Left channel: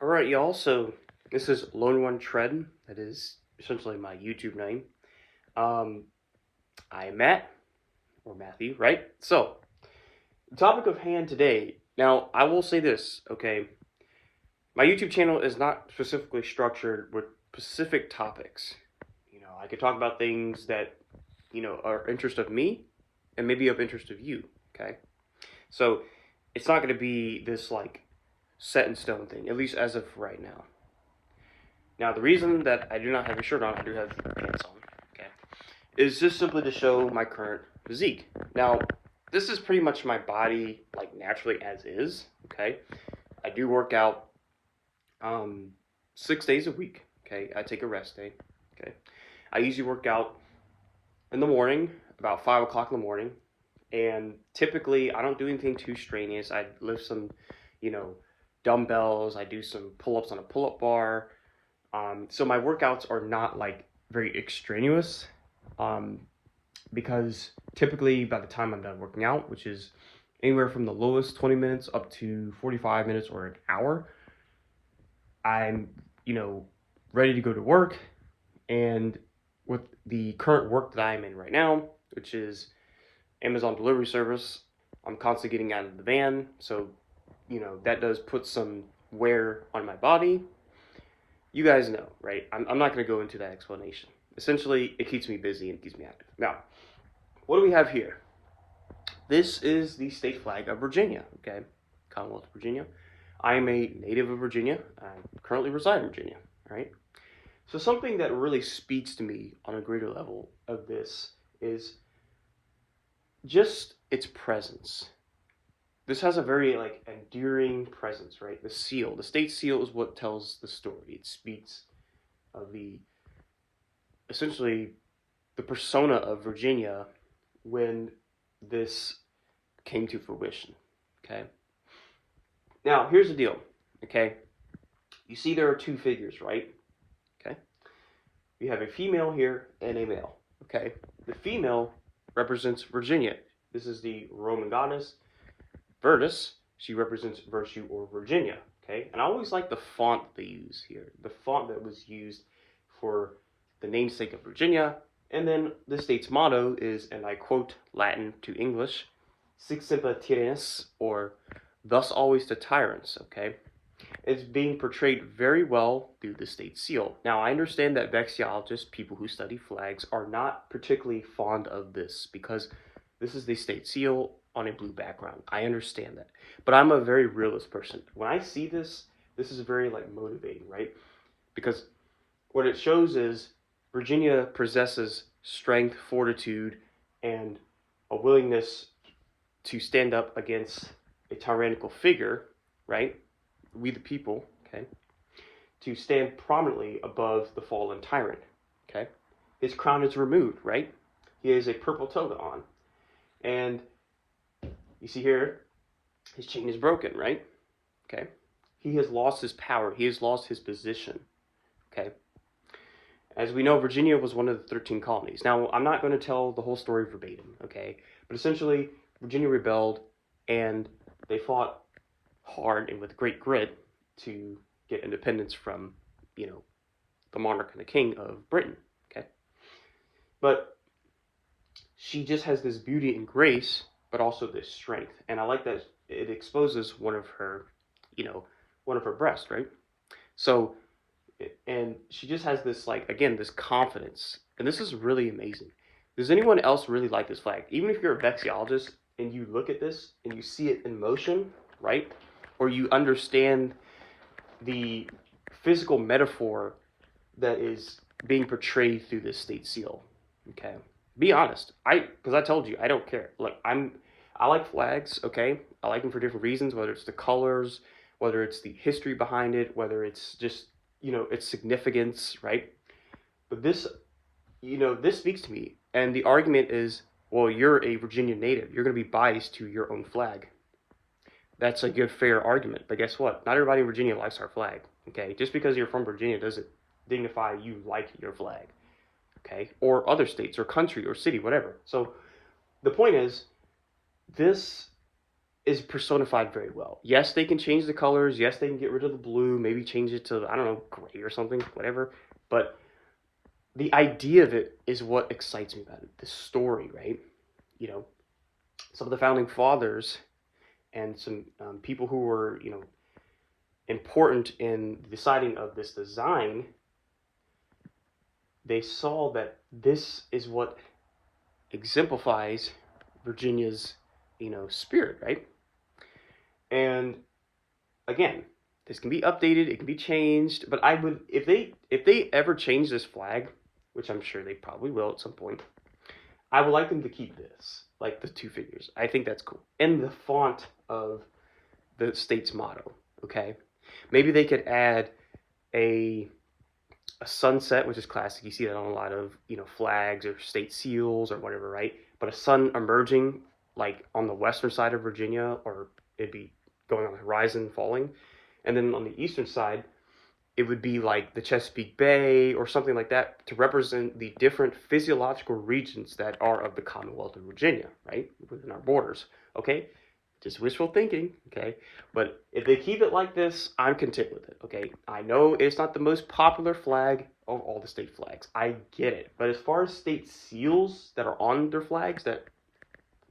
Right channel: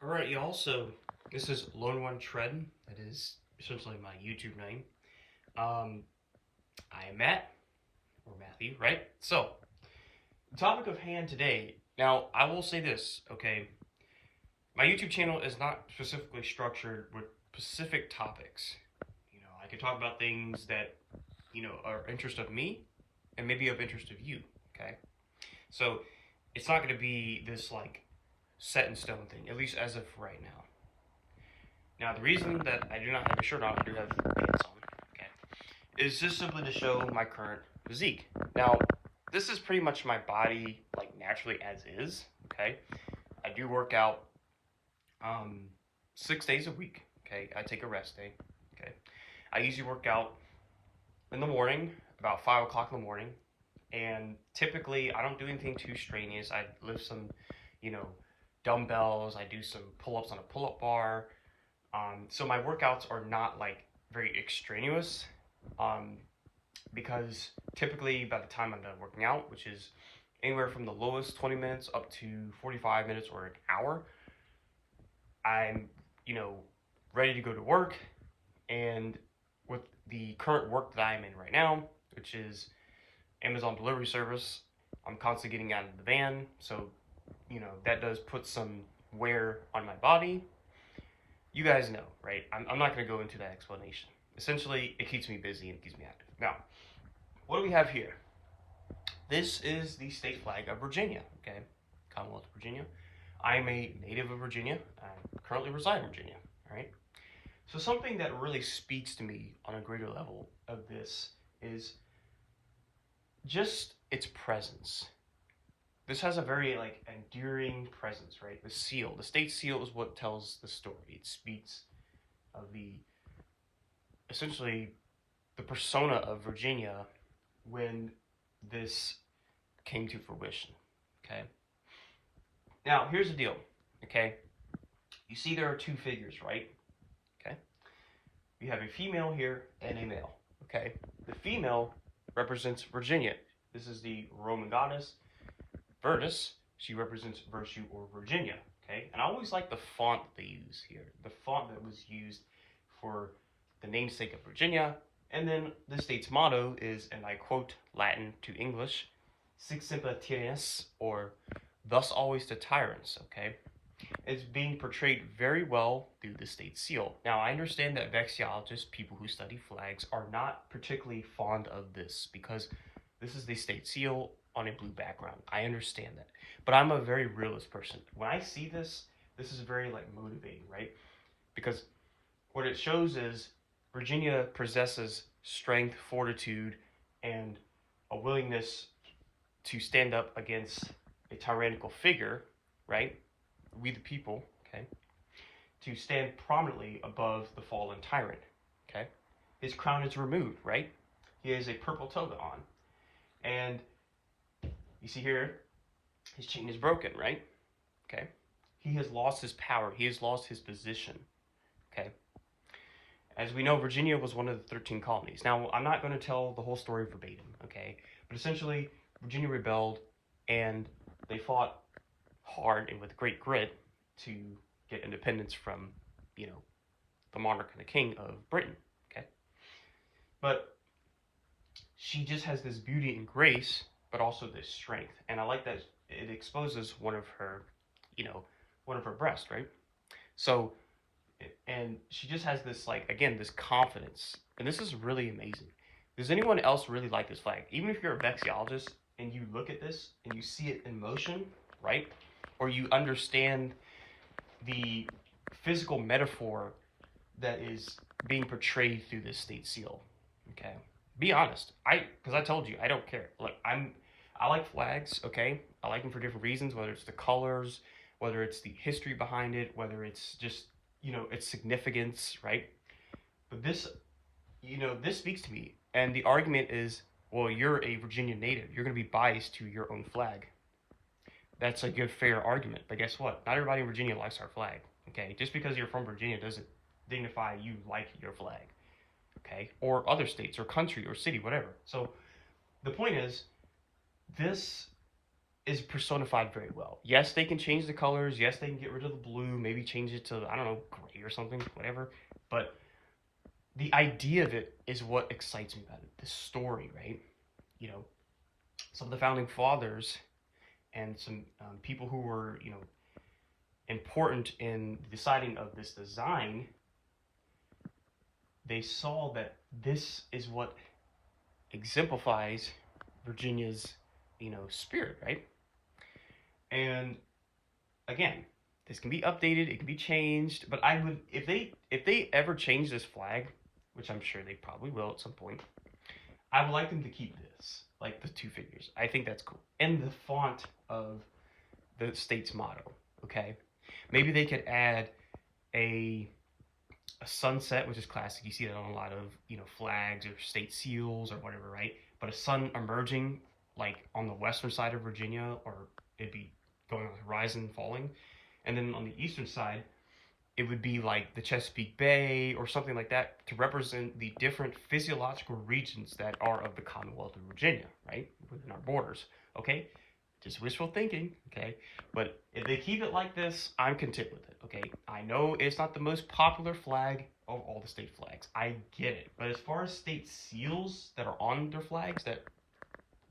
All right, y'all. So this is Lone One Tread. That is essentially my YouTube name. Um, I'm Matt or Matthew, right? So the topic of hand today. Now, I will say this, okay? My YouTube channel is not specifically structured with specific topics. I could talk about things that are interest of me and maybe of interest of you. Okay, so it's not going to be this like set in stone thing, at least as of right now. Now, the reason that I do not have a shirt on, I do have pants on, okay, is just simply to show my current physique. Now, this is pretty much my body, like, naturally as is, okay? I do work out 6 days a week, okay? I take a rest day, okay? I usually work out in the morning, about 5 o'clock in the morning, and typically I don't do anything too strenuous. I lift some, dumbbells, I do some pull-ups on a pull-up bar, so my workouts are not like very extraneous, because typically by the time I'm done working out, which is anywhere from the lowest 20 minutes up to 45 minutes or an hour, I'm, ready to go to work. And with the current work that I'm in right now, which is Amazon delivery service, I'm constantly getting out of the van. So, that does put some wear on my body. You guys know, right? I'm not going to go into that explanation. Essentially, it keeps me busy and keeps me active. Now, what do we have here? This is the state flag of Virginia, okay? Commonwealth of Virginia. I am a native of Virginia. I currently reside in Virginia, right? So something that really speaks to me on a greater level of this is just its presence. This has a very endearing presence, right? The seal, the state seal is what tells the story. It speaks of essentially the persona of Virginia when this came to fruition, okay? Now, here's the deal, okay? You see there are two figures, right? Okay? You have a female here and a male, okay? The female represents Virginia. This is the Roman goddess. Virtus, she represents virtue or Virginia, okay? And I always like the font they use here, the font that was used for the namesake of Virginia. And then the state's motto is, and I quote Latin to English, Sic semper tyrannis, or thus always to tyrants, okay? It's being portrayed very well through the state seal. Now, I understand that vexillologists, people who study flags, are not particularly fond of this because this is the state seal on a blue background. I understand that. But I'm a very realist person. When I see this, this is very motivating, right? Because what it shows is Virginia possesses strength, fortitude, and a willingness to stand up against a tyrannical figure, right? We the people, okay? To stand prominently above the fallen tyrant, okay? His crown is removed, right? He has a purple toga on. And you see here, his chain is broken, right? Okay? He has lost his power. He has lost his position, okay? As we know, Virginia was one of the 13 colonies. Now, I'm not going to tell the whole story verbatim, okay? But essentially, Virginia rebelled, and they fought hard and with great grit to get independence from, the monarch and the king of Britain, okay? But she just has this beauty and grace, but also this strength. And I like that it exposes one of her breasts, right? So, and she just has this, again, this confidence. And this is really amazing. Does anyone else really like this flag? Even if you're a vexillologist and you look at this and you see it in motion, right? Or you understand the physical metaphor that is being portrayed through this state seal, okay? Be honest. Because I told you, I don't care. Look, I like flags, okay? I like them for different reasons, whether it's the colors, whether it's the history behind it, whether it's just, its significance, right? But this, this speaks to me. And the argument is, well, you're a Virginia native. You're going to be biased to your own flag. That's a good, fair argument. But guess what? Not everybody in Virginia likes our flag, okay? Just because you're from Virginia doesn't dignify you like your flag, okay? Or other states or country or city, whatever. So the point is, this is personified very well. Yes, they can change the colors. Yes, they can get rid of the blue, maybe change it to, I don't know, gray or something, whatever. But the idea of it is what excites me about it. The story, right? You know, some of the founding fathers and some people who were, you know, important in deciding of this design, they saw that this is what exemplifies Virginia's, you know, spirit, right? And again, this can be updated, it can be changed, but I would, if they ever change this flag, which I'm sure they probably will at some point, I would like them to keep this, like the two figures. I think that's cool. And the font of the state's motto, okay? Maybe they could add a sunset, which is classic. You see that on a lot of, you know, flags or state seals or whatever, right? But a sun emerging, like on the western side of Virginia, or it'd be going on the horizon, falling. And then on the eastern side, it would be like the Chesapeake Bay or something like that to represent the different physiological regions that are of the Commonwealth of Virginia, right? Within our borders, okay? Just wishful thinking, okay? But if they keep it like this, I'm content with it, okay? I know it's not the most popular flag of all the state flags. I get it. But as far as state seals that are on their flags, that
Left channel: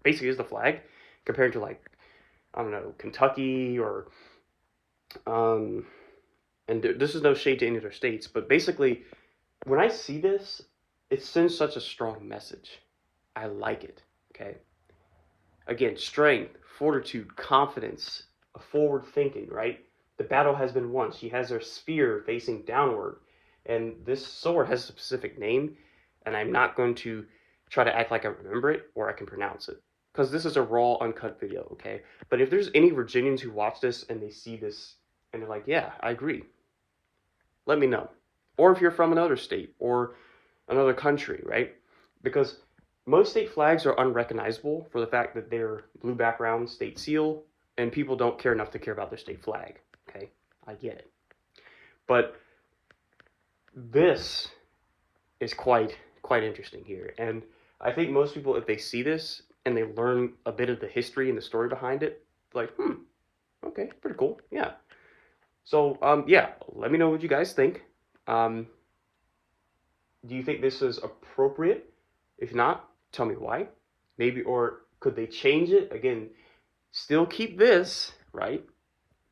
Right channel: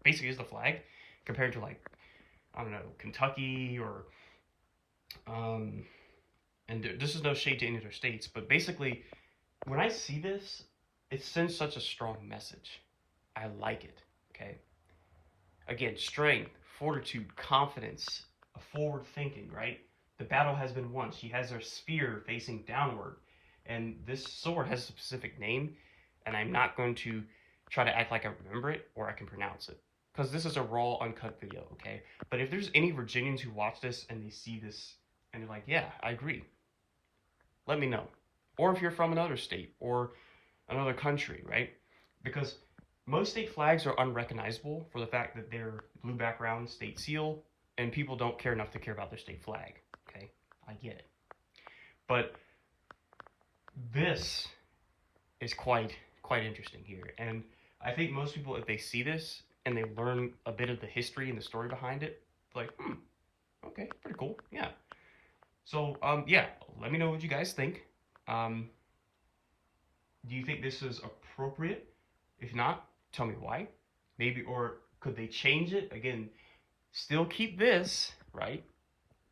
basically is the flag, compared to, like, I don't know, Kentucky or, and this is no shade to any of their states, but basically, when I see this, it sends such a strong message. I like it, okay? Again, strength, fortitude, confidence, a forward thinking, right? The battle has been won. She has her spear facing downward, and this sword has a specific name, and I'm not going to try to act like I remember it or I can pronounce it, because this is a raw, uncut video, okay? But if there's any Virginians who watch this and they see this and they're like, yeah, I agree, let me know. Or if you're from another state or another country, right? Because most state flags are unrecognizable for the fact that they're blue background, state seal, and people don't care enough to care about their state flag, okay? I get it. But this is quite interesting here. And I think most people, if they see this and they learn a bit of the history and the story behind it, like, okay, pretty cool, yeah. So, yeah, let me know what you guys think. Do you think this is appropriate? If not, tell me why. Maybe, or could they change it? Again, still keep this, right?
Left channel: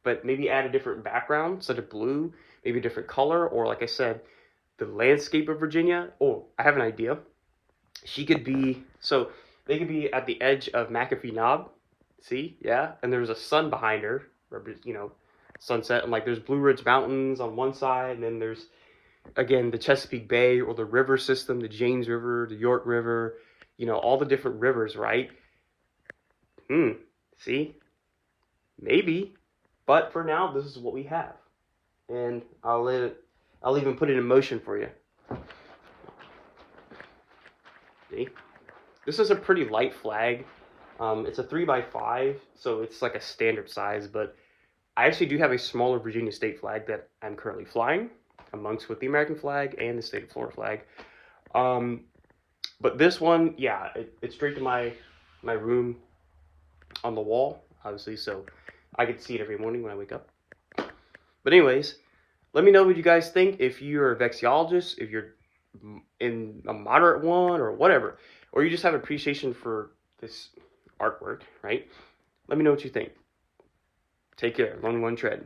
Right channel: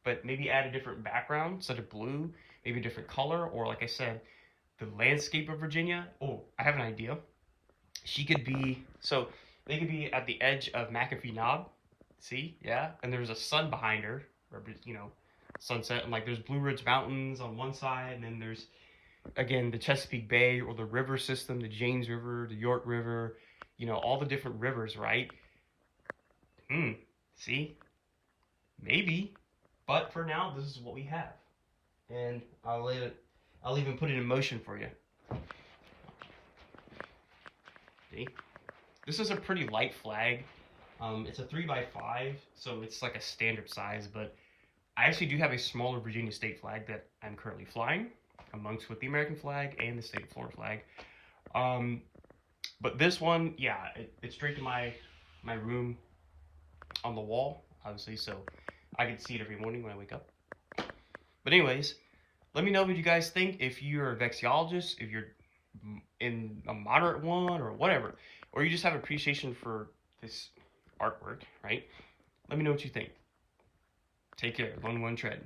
But maybe add a different background, such as blue, maybe a different color, or like I said, the landscape of Virginia. Oh, I have an idea. She could be, so they could be at the edge of McAfee Knob. See, yeah? And there's a sun behind her, you know, sunset, and like there's Blue Ridge Mountains on one side, and then there's, again, the Chesapeake Bay or the river system, the James River, the York River, you know, all the different rivers, right? See? Maybe. But for now, this is what we have. And I'll even put it in motion for you. See? This is a pretty light flag. It's a 3x5, so it's like a standard size, but I actually do have a smaller Virginia state flag that I'm currently flying, amongst with the American flag and the state of Florida flag. But this one, yeah, it's straight to my room on the wall, obviously, so I can see it every morning when I wake up. But anyways, let me know what you guys think. If you're a vexiologist, if you're in a moderate one or whatever, or you just have appreciation for this artwork, right? Let me know what you think. Take care. Run one tread.